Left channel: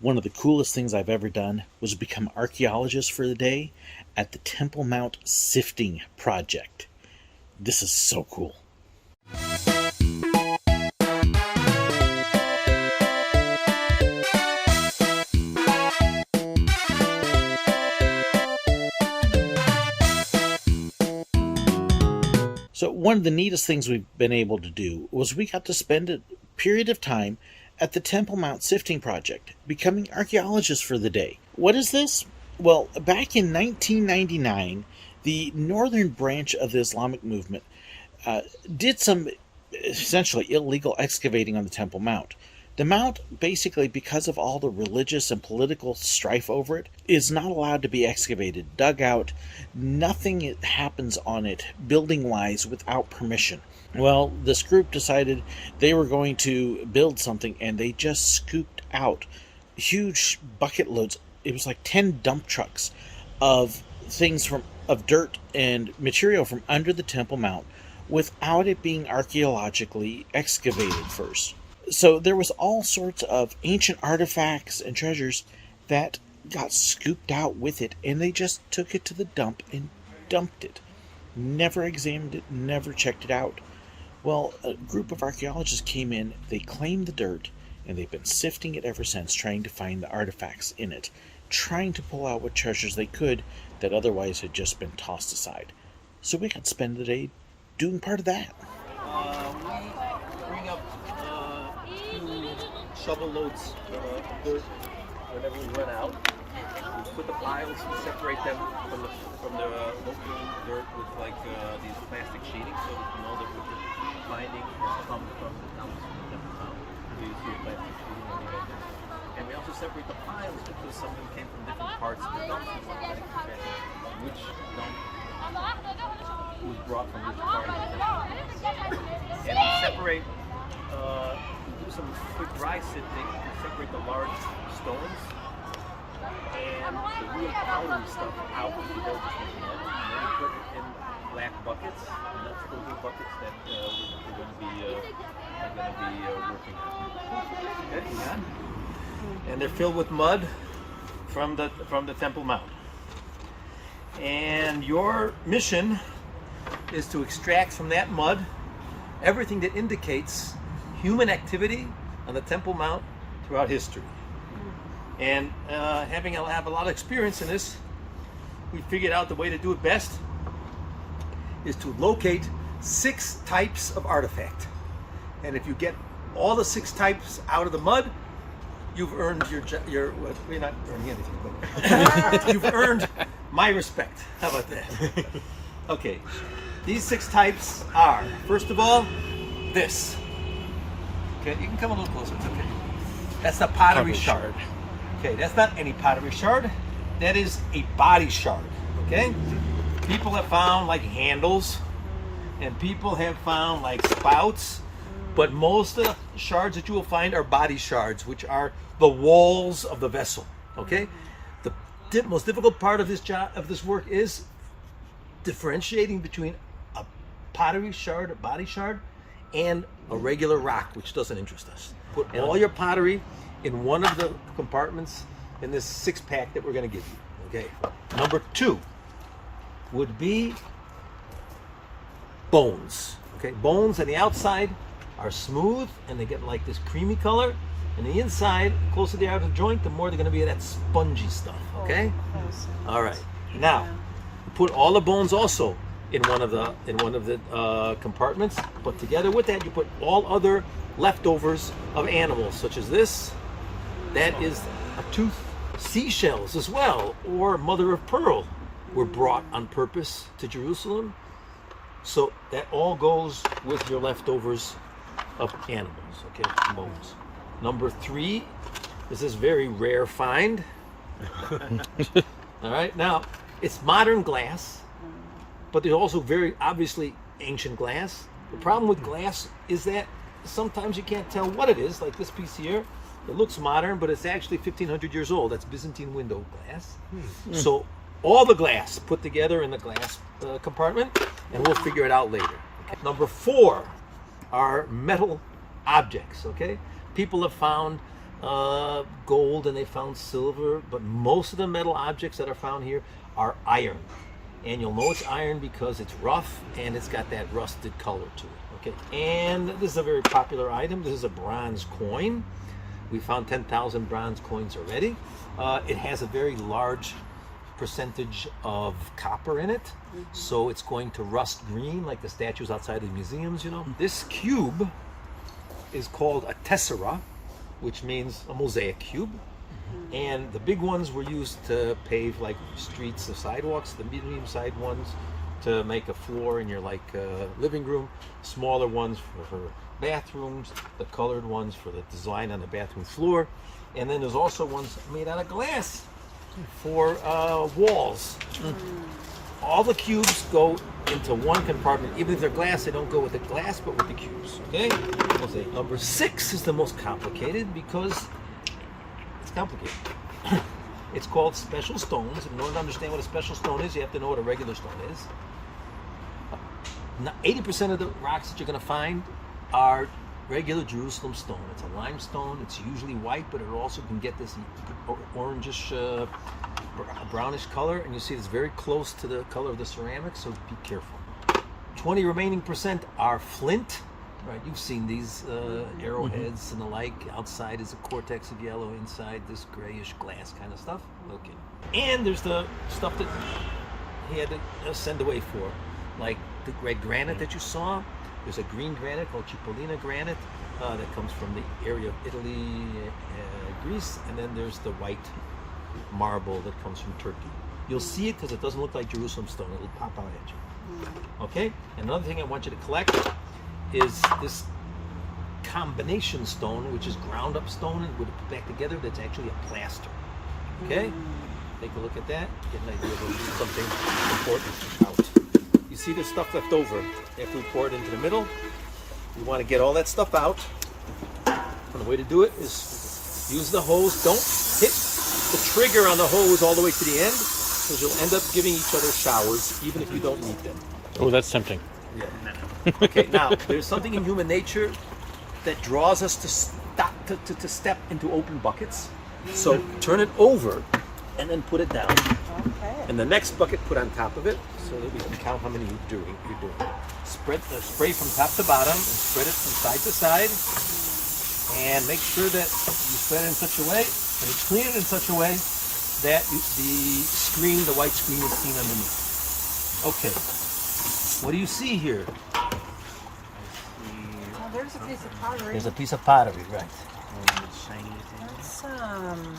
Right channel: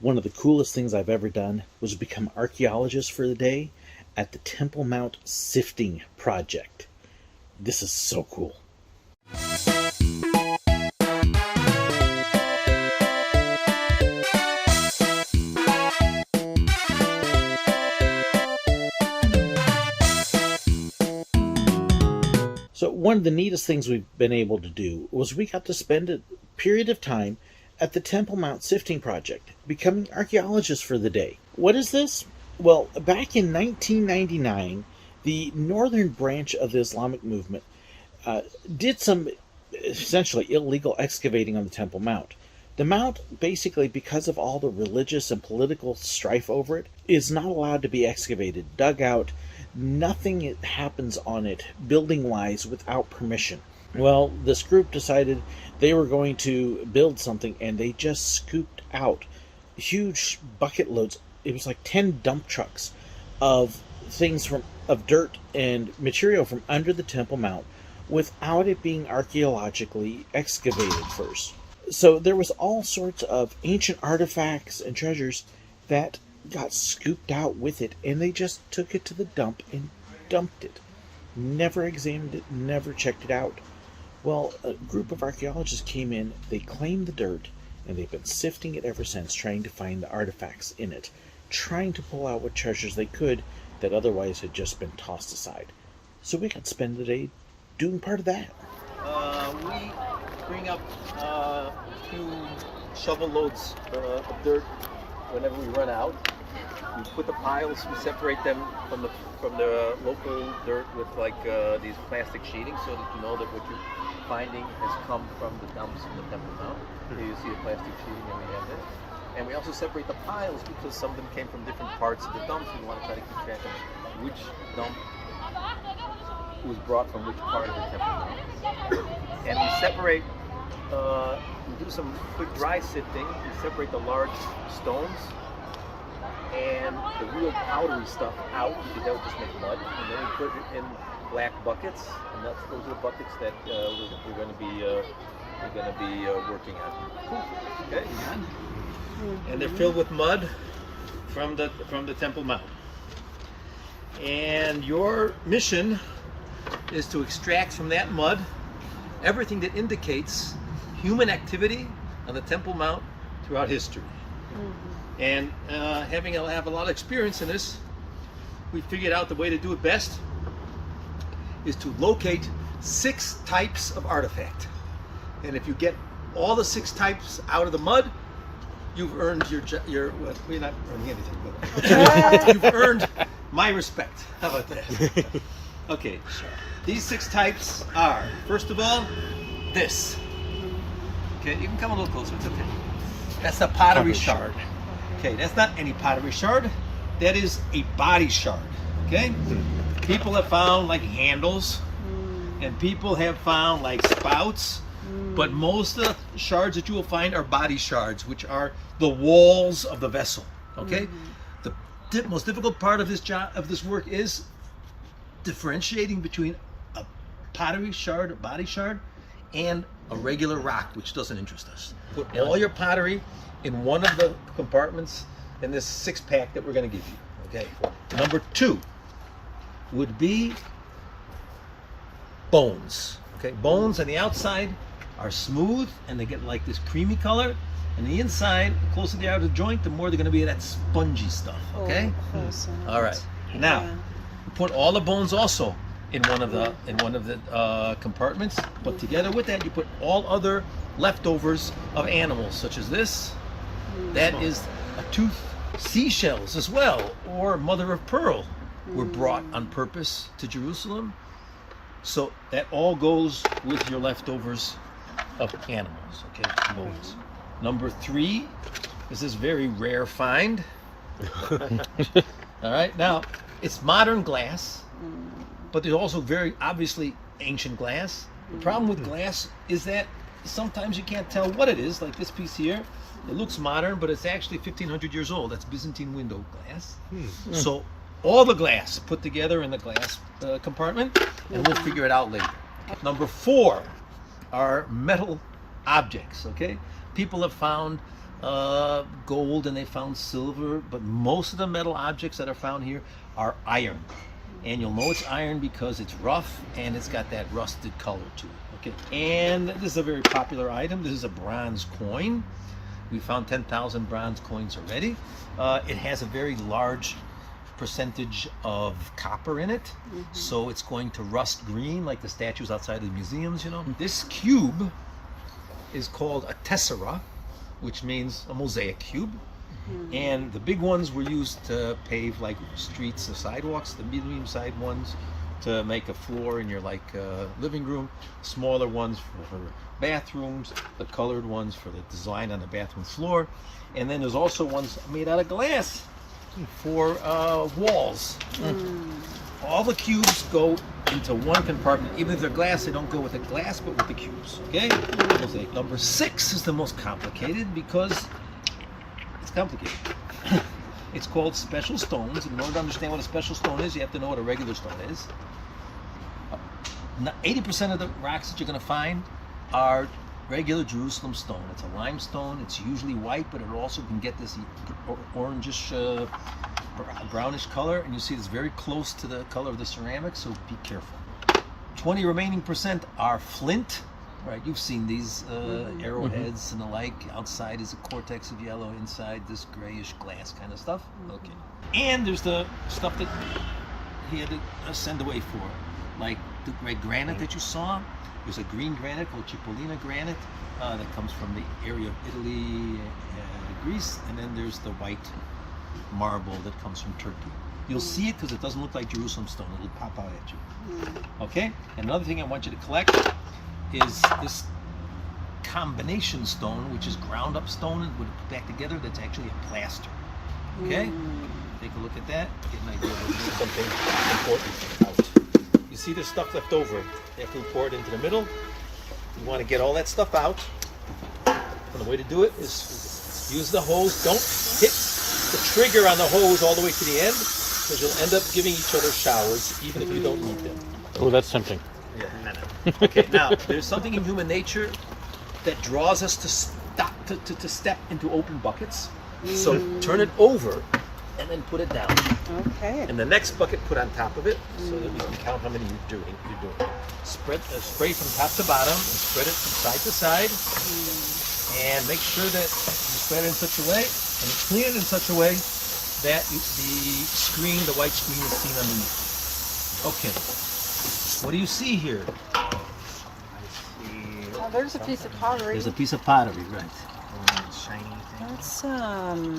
One of the coolest things I've ever done was become archaeologist for the day at the Temple Mount Sifting Project. This is so cool. So one of the neatest things we've been able to do was we got to spend a period of time at the Temple Mount Sifting Project, becoming archaeologists for the day. What is this? Well, back in 1999, the northern branch of the Islamic movement did some essentially illegal excavating on the Temple Mount. The mount, basically, because of all the religious and political strife over it, is not allowed to be excavated, dug out. Nothing happens on it, building-wise, without permission. Well, this group decided they were going to build something, and they just scooped out huge bucket loads. It was like 10 dump trucks of things of dirt and material from under the Temple Mount without it being archaeologically excavated first. So there was all sorts of ancient artifacts and treasures that got scooped out with it, and they just took it to the dump and dumped it. Never examined it, never checked it out. Well, a group of archaeologists came in, they claimed the dirt, and they've been sifting it ever since, trying to find the artifacts in it, trying to pull out what treasures they could that otherwise had just been tossed aside. So we got to spend the day doing part of that. We bring up 2 shovel loads of dirt whenever we run out. We put the piles, we separate them from the local dirt with like these plastic sheeting, so that you know that what you're finding has come from the dumps in the Temple Mount. Here you see a plastic sheeting when you run there. And we also separate the piles because some of them came from different parts of the dump. We want to try to keep track of which dump was brought from which part of the Temple Mount. And we separate, we do some quick dry sifting. We separate the large stones and the real powdery stuff out, because that would just make mud. And then we put it in black buckets, and those are buckets that we're going to be working on. Okay, and they're filled with mud from the Temple Mount. And your mission is to extract from that mud everything that indicates human activity on the Temple Mount throughout history. And having have a lot of experience in this, we figured out the way to do it best is to locate 6 types of artifact. And if you get all the 6 types out of the mud, you've earned your well, you're not earning anything, but you've earned my respect. How about that? Okay, these 6 types are, first of all, this. Okay, you can come a little closer, it's okay. That's the pottery shard. Okay, that's not any pottery shard. That is a body shard, okay? People have found like handles, and people have found like spouts, but most of the shards that you will find are body shards, which are the walls of the vessel, okay? The most difficult part of this work is differentiating between a pottery shard, a body shard, and a regular rock, which doesn't interest us. Put all your pottery in one of the compartments in this 6-pack that we're going to give you. Okay. Number 2 would be bones. Okay. Bones on the outside are smooth and they get like this creamy color, and the inside, the closer they are to the joint, the more they're going to be that spongy stuff. Okay. All right. Now, put all the bones also in one of the compartments, but together with that, you put all other leftovers of animals, such as this. That is a tooth. Seashells as well, or mother of pearl, were brought on purpose to Jerusalem. So that all goes with your leftovers of animals, okay, bones. Number 3 is this very rare find. All right, now it's modern glass, but there's also very obviously ancient glass. The problem with glass is that sometimes you can't tell what it is, like this piece here. It looks modern, but it's actually 1,500 years old. That's Byzantine window glass. So all the glass put together in the glass compartment, and we'll figure it out later. Okay. Number 4 are metal objects, okay? People have found gold and they found silver, but most of the metal objects that are found here are iron. And you'll know it's iron because it's rough and it's got that rusted color to it. Okay, and this is a very popular item. This is a bronze coin. We found 10,000 bronze coins already. It has a very large percentage of copper in it, so it's going to rust green like the statues outside the museums, you know. This cube is called a tessera, which means a mosaic cube. And the big ones were used to pave like streets or sidewalks, the medium-sized ones to make a floor in your like living room, smaller ones for bathrooms, the colored ones for the design on the bathroom floor, and then there's also ones made out of glass for walls. All the cubes go into one compartment. Even if they're glass, they don't go with the glass, but with the cubes. Okay? Mosaic number 6 is the most complicated because it's complicated. It's called special stones. In order to understand what a special stone is, you have to know what a regular stone is. 80% of the rocks that you're going to find are regular Jerusalem stone. It's a limestone. It's usually white, but it also can get this orangish, brownish color. And you see it's very close to the color of the ceramic, so be careful. 20 remaining percent are flint. Right, you've seen these arrowheads and the like. Outside is a cortex of yellow, inside this grayish glass kind of stuff. Okay. And there's the stuff that he had to send away for, like the red granite that you saw. There's a green granite called Cipollina granite that comes from the area of Italy, Greece, and then there's the white marble that comes from Turkey. You'll see it because it doesn't look like Jerusalem stone. It'll pop out at you. Okay. And another thing I want you to collect is this combination stone, which is ground up stone and would put back together. That's actually a plaster. Okay, take a look at that. Get an idea of something important out. You see, there's stuff left over. After we pour it into the middle, you want to get all that stuff out. And the way to do it is use the hose. Don't hit the trigger on the hose all the way to the end, because you'll end up giving each other showers, even if you don't need them. Oh, that's tempting. Yeah. Okay, now there's something in human nature that draws us to stop to step into open buckets. So turn it over and then put it down. Okay. And the next bucket put on top of it, so that we can count how many you're doing. Spread spray from top to bottom and spread it from side to side. And make sure that you spread it in such a way and clean it in such a way that the white screen is seen underneath. Okay. What do you see here? Oh, there's a piece of pottery. There's a piece of pottery, right?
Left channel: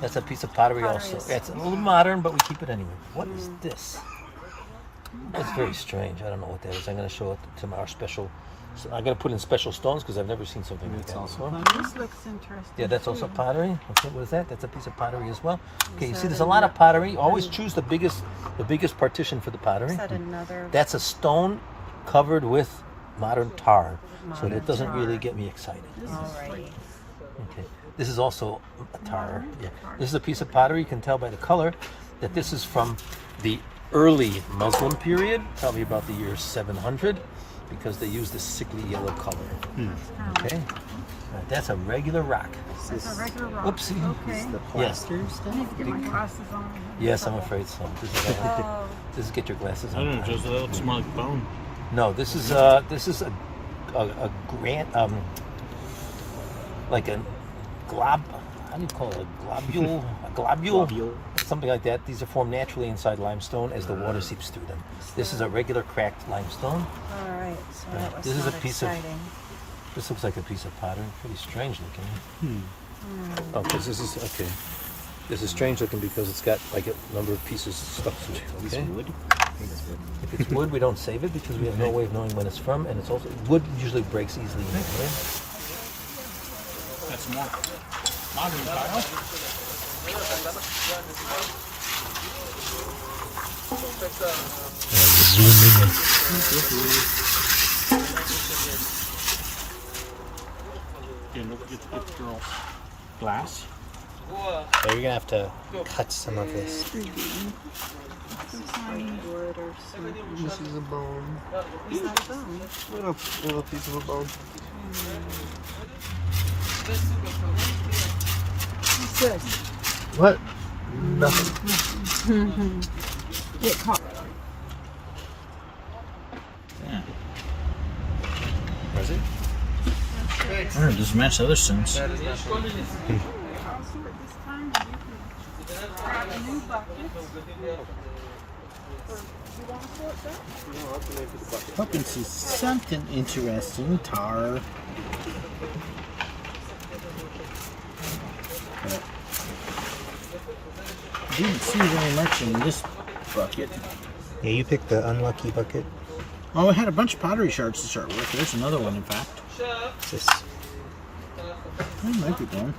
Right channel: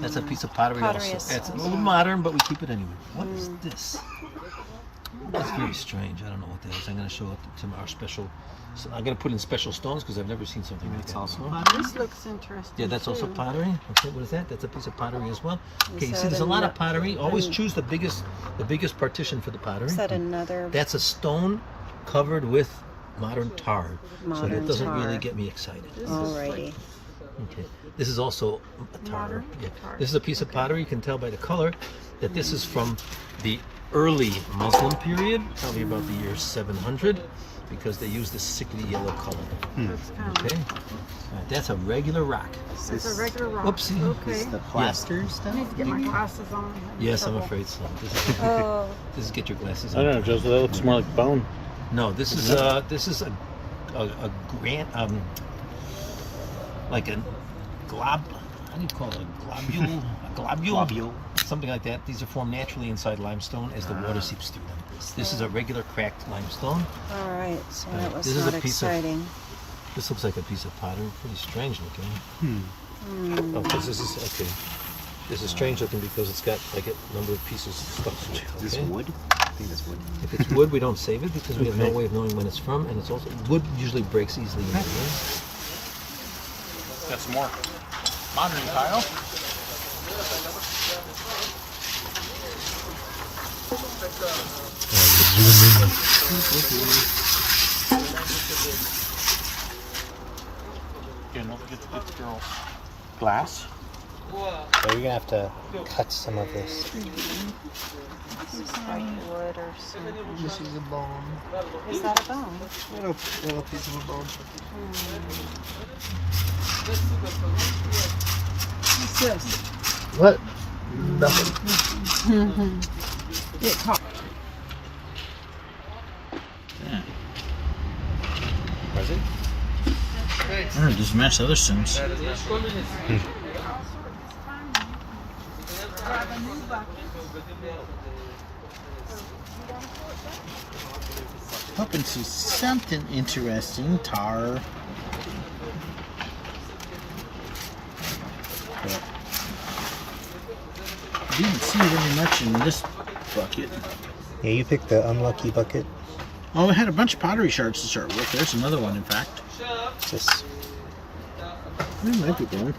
That's a piece of pottery also. That's a little modern, but we keep it anyway. What is this? That's very strange. I don't know what that is. I'm going to show it to our special. I'm going to put in special stones because I've never seen something like that before. This looks interesting. Yeah, that's also pottery. Okay, what is that? That's a piece of pottery as well. Okay, you see, there's a lot of pottery. Always choose the biggest partition for the pottery. Is that another? That's a stone covered with modern tar, so that doesn't really get me excited. Alrighty. Okay, this is also a tar. Yeah, this is a piece of pottery. You can tell by the color that this is from the early Muslim period, probably about the year 700. Because they use this sickly yellow color. Okay, that's a regular rock. That's a regular rock. Oopsie. Okay. The plaster stuff? I need to get my glasses on. Yes, I'm afraid so. This is get your glasses I on. don't know, Joseph. That looks more like bone. No, this is a grant like a glob. How do you call it? A globule? Something like that. These are formed naturally inside limestone as the water seeps through them. This is a regular cracked limestone. All right, so that was This is a not piece of- exciting. This looks like a piece of pottery. Pretty strange looking. Oh, this is okay. This is strange looking because it's got like a number of pieces stuck to it. Is this Okay? wood? I think it's wood. If it's wood, we don't save it because we have no way of knowing when it's from, and it's also wood usually breaks easily. In the air. That's more modern, Kyle. Glass? Yeah, you're gonna have to cut some of this. Some tiny wood or something. This is a bone. Is that a bone? Little piece of a bone. What's this? What? Nothing. It caught. Yeah. Was it? I don't know, just match the other things. Hoping to see something interesting, tar. But didn't see very much in this bucket. Yeah, you picked the unlucky bucket. Oh, it had a bunch of pottery shards to start with. There's another one, in fact. What's this? It might be blown.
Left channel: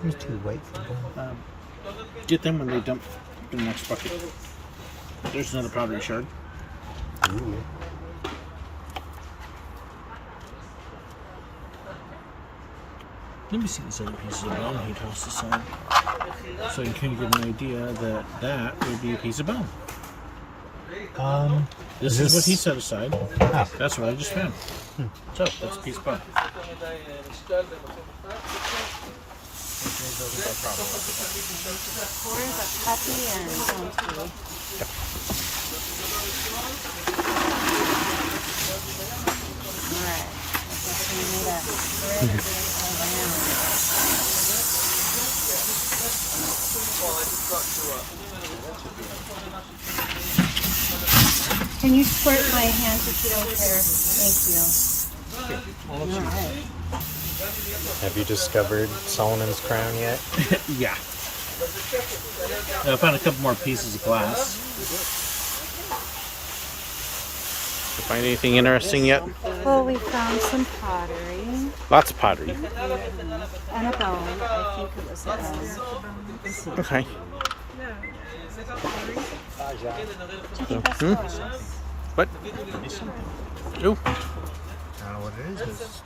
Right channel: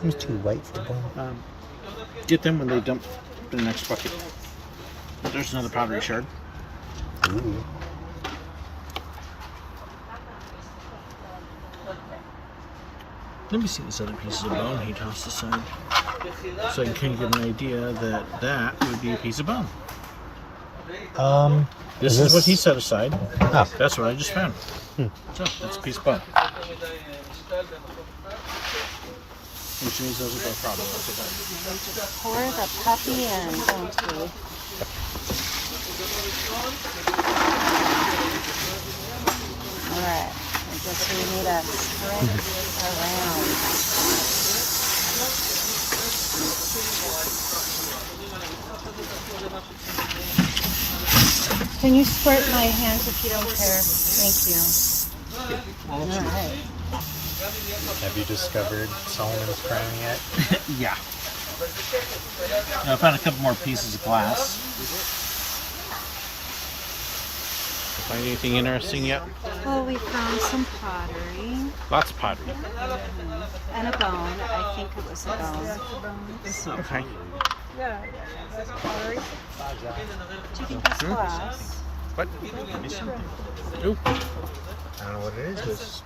Seems too white for bone. Get them when they dump the next bucket. There's another pottery shard. Ooh. Let me see these other pieces of bone he tossed aside. So I can kind of get an idea that that would be a piece of bone. This is what he set aside. Ah. That's what I just found. So, that's a piece of bone. Pour the puppy in, don't we? Yeah, I guess we need a spread this around. Can you squirt my hands if you don't care? Thank you. Alright. Have you discovered Solomon's crown yet? Yeah. I found a couple more pieces of glass. You find anything interesting yet? Well, we found some pottery Lots of pottery. and a bone. I think it was a bone. Okay. Yeah. Pottery. Do you think that's glass? But, ooh, I don't know what it is, but it's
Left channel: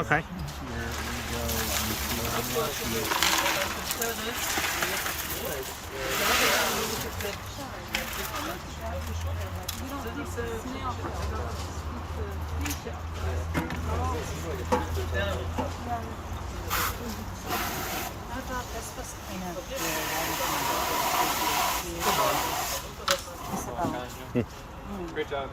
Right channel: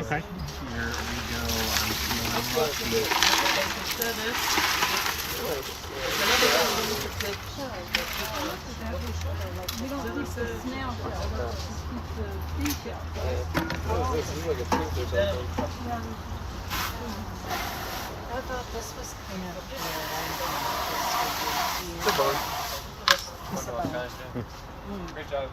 okay. Here we go. I thought this was kind of weird. I It's a bone. It's a bone. Great job.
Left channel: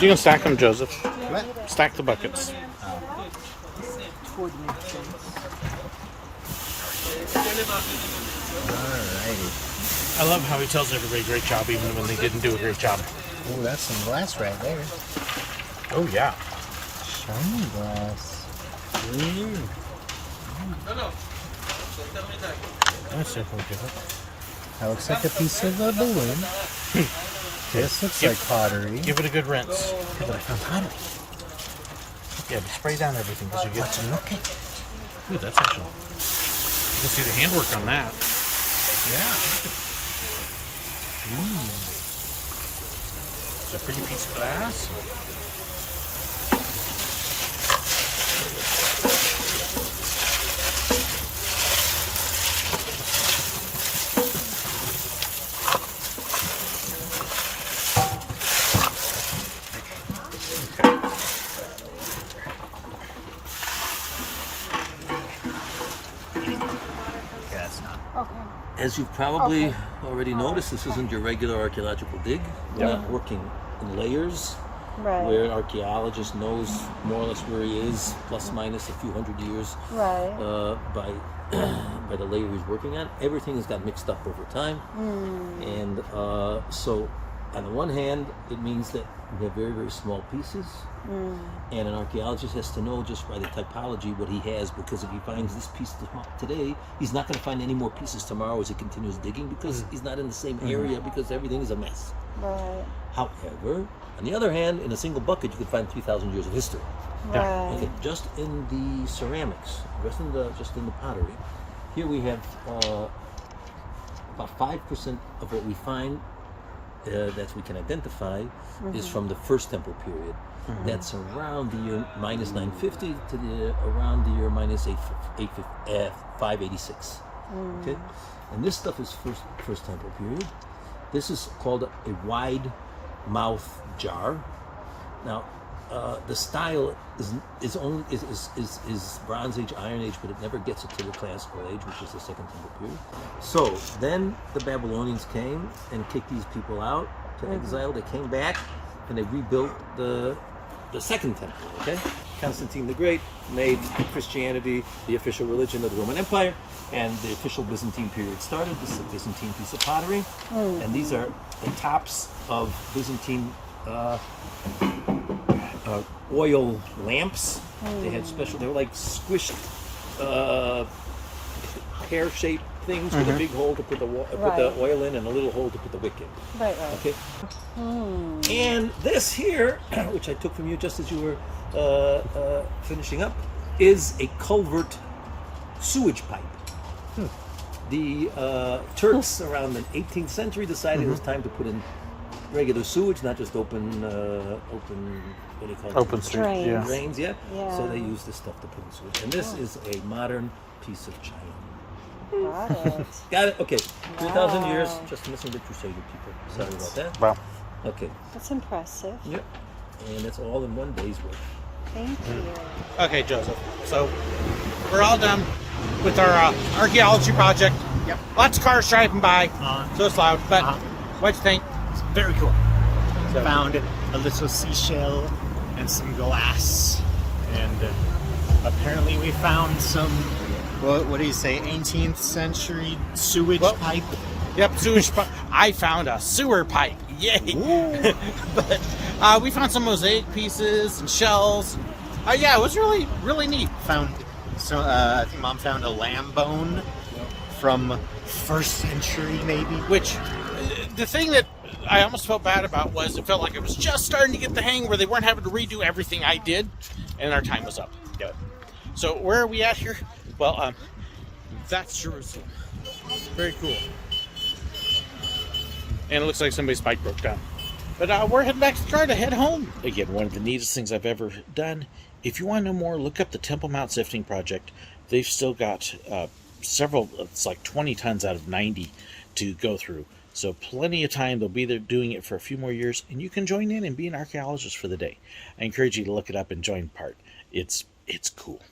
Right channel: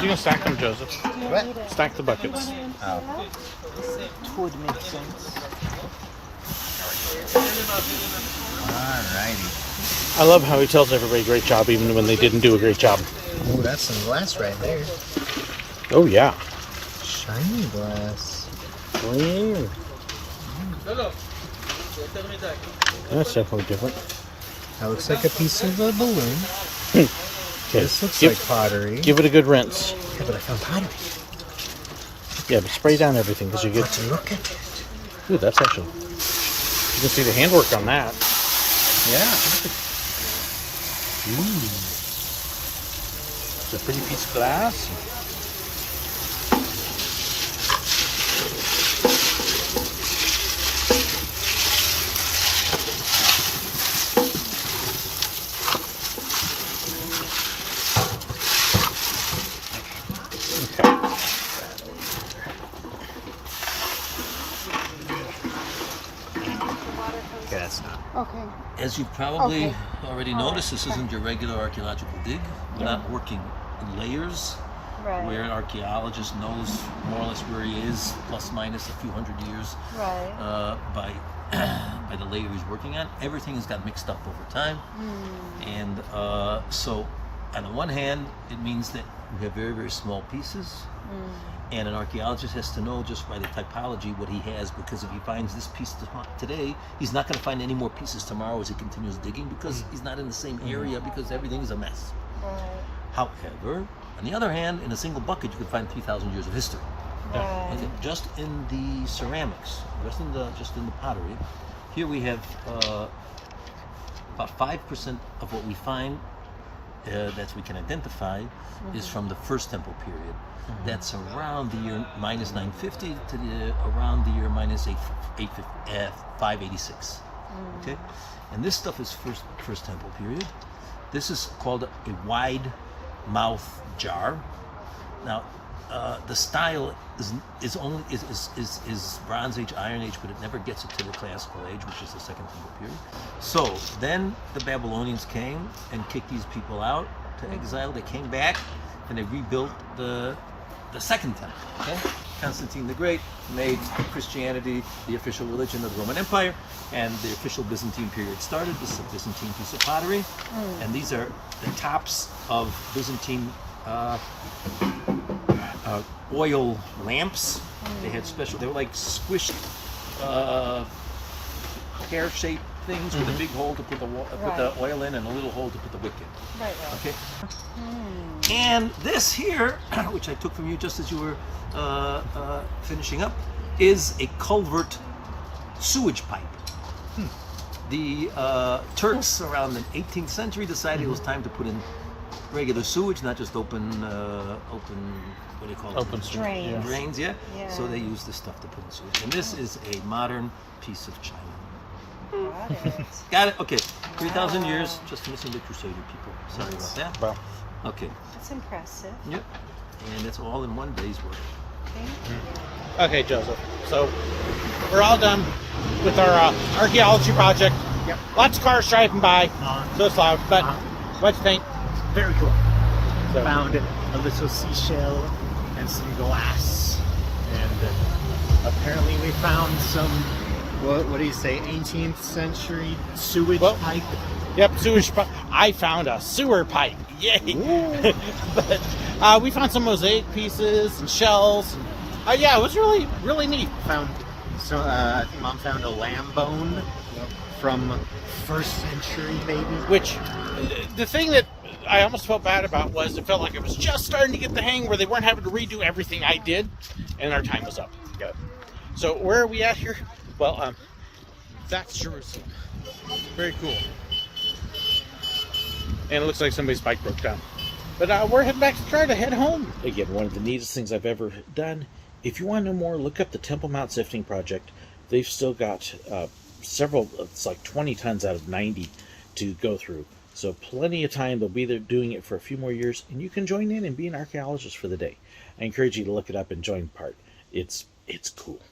You can stack them, Joseph. What? Stack the buckets. Oh. Would make sense. Alrighty. I love how he tells everybody great job even when they didn't do a great job. Ooh, that's some glass right there. Oh, yeah. Shiny glass. Ooh. That's definitely different. That looks like a piece of a balloon. This looks Give- like pottery. Give it a good rinse. Yeah, but I found pottery. Yeah, but spray down everything because you get... But look at it. Ooh, that's actually... You can see the handwork on that. Yeah. Ooh. It's a pretty piece of glass. As you've probably already noticed, this isn't your regular archaeological dig. We're Yeah. not working in layers Right. where an archaeologist knows more or less where he is, plus minus a few hundred years, Right. by by the layer he's working on. Everything has got mixed up over time, and so on the one hand, it means that we have very, very small pieces. And an archaeologist has to know just by the typology what he has, because if he finds this piece today, he's not going to find any more pieces tomorrow as he continues digging, because he's not in the same area, because everything is a mess. Right. However, on the other hand, in a single bucket, you could find 3,000 years of history. Right. Okay, just in the ceramics, just in the pottery, here we have about 5% of what we find that we can identify is from the First Temple period. That's around the year minus 950 to around the year minus 586. Okay, and this stuff is First Temple period. This is called a wide mouth jar. Now, the style is Bronze Age, Iron Age, but it never gets it to the Classical Age, which is the Second Temple period. So then the Babylonians came and kicked these people out to exile. They came back and they rebuilt the Second Temple. Okay, Constantine the Great made Christianity the official religion of the Roman Empire, and the official Byzantine period started. This is a Byzantine piece of pottery, and these are the tops of Byzantine oil lamps. They had special, they were like squished pear-shaped things with a big hole to put the oil in and a little hole to put the wick in. Right. Okay. And this here, which I took from you just as you were finishing up, is a culvert sewage pipe. The Turks around the 18th century decided it was time to put in regular sewage, not just open what do you call it? Open Drains. Yeah. Drains, yeah? Yeah. So they use this stuff to put in sewage. And this is a modern piece of china. Got it. Got it? Okay. 3,000 years, just missing the Crusader people. Sorry about that. Wow. Okay. That's impressive. Yep. And it's all in one day's work. Thank you. Okay, Joseph. So we're all done with our archaeology project. Yep. Lots of cars driving by, so it's loud. But what do you think? Very cool. Found a little seashell and some glass, and apparently we found some. What do you say? 18th century sewage pipe. Yep, sewage pipe. I found a sewer pipe. Yay! But we found some mosaic pieces and shells. Yeah, it was really, really neat. Found I think Mom found a lamb bone from 1st century, maybe. Which, the thing that I almost felt bad about was it felt like it was just starting to get the hang where they weren't having to redo everything I did, and our time was up. Good. So where are we at here? Well, that's Jerusalem. Very cool. And it looks like somebody's bike broke down. But we're heading back to try to head home. Again, one of the neatest things I've ever done. If you want to know more, look up the Temple Mount Sifting Project. They've still got several, it's like 20 tons out of 90 to go through. So plenty of time. They'll be there doing it for a few more years, and you can join in and be an archaeologist for the day. I encourage you to look it up and join part. It's cool.